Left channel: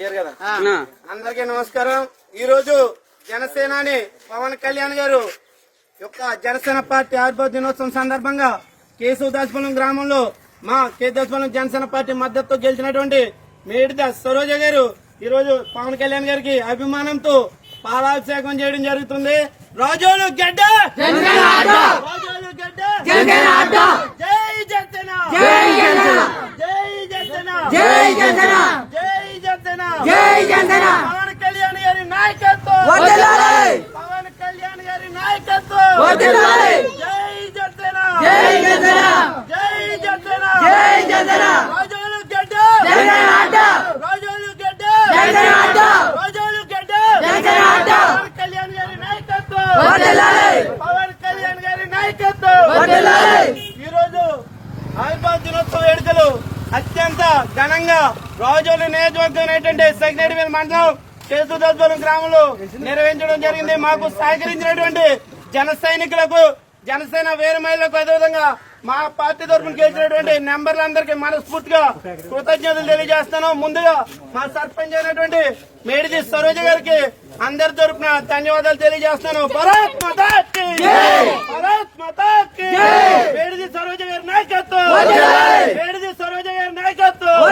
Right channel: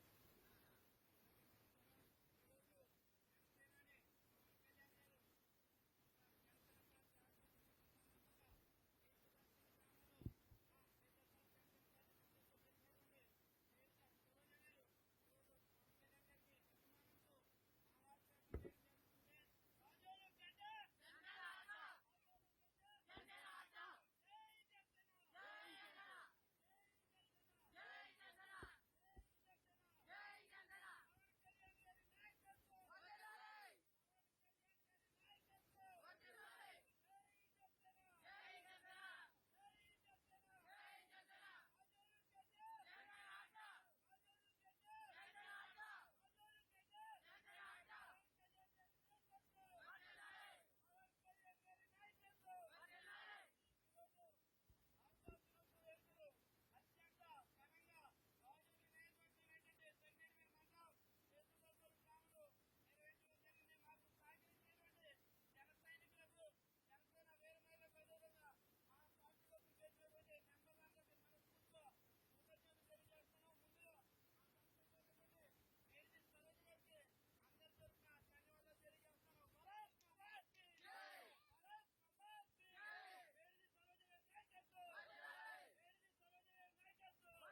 అందరికి నమస్కారం ఈ రోజు జనసేనాని పవన్ కళ్యాణ్ గారు యొక్క జనసేన పార్టీ ఆవిర్భావ దినోత్సవం సందర్భంగా కేశవ గ్రామంలో మా కేశవం జనసేన పార్టీ మద్దతు గెలిచినటువంటి మేడిద సరోజ గారు ఈ రోజు పవన్ కళ్యాణ్ గారికి అభిమానంతో పాలాభిషేకం చేయడం జరుగుతుంది రాజోలు గడ్డ రాజోలు గడ్డ காவன் கல்யாணேரி நாயக்கேது வெற்றிடாலி பவன் கல்யாணேரி நாயக்கேது வெற்றிடாலி ஜெய் ஜெடேனா ஜெய் ஜெடேனா ஜெய் ஜெடேனா ஜெய் ஜெடேனா ராஜேலு கெடே ஜெய் ஜெடேனா ராஜேலு கெடே ஜெய் ஜெடேனா ராஜேலு கெடே ஜெய் ஜெடேனா பவன் கல்யாணேரி நாயக்கேது வெற்றிடாலி பவன் கல்யாணேரி நாயக்கேது வெற்றிடாலி இந்த ரோஜாய் ஹைபான் தினोत्सव எடதுல అంతా ఘనంగా రాజోలు నియోజకవర్గం అనేటువంటి మండలం కేసుదోలం గ్రామంలో నిర్వహించడం జరిగింది మాకు సహకరించినటువంటి జన సైనికులకు జనసేన వేరు మహిళలకు అదేవిధంగా మా పార్టీ తరఫున గెలిచినటువంటి నెంబర్లందరికీ మనస్ఫూర్తిగా కృతజ్ఞతలు తెలియజేస్తాను ముందుగా మా సర్పంచ్ అయినటువంటి మేడిది సరోజ గారికి అందరి తరఫున ధన్యవాదాలు తెలియజేస్తాను భరత్ సరోజ గారి నాయకత్వం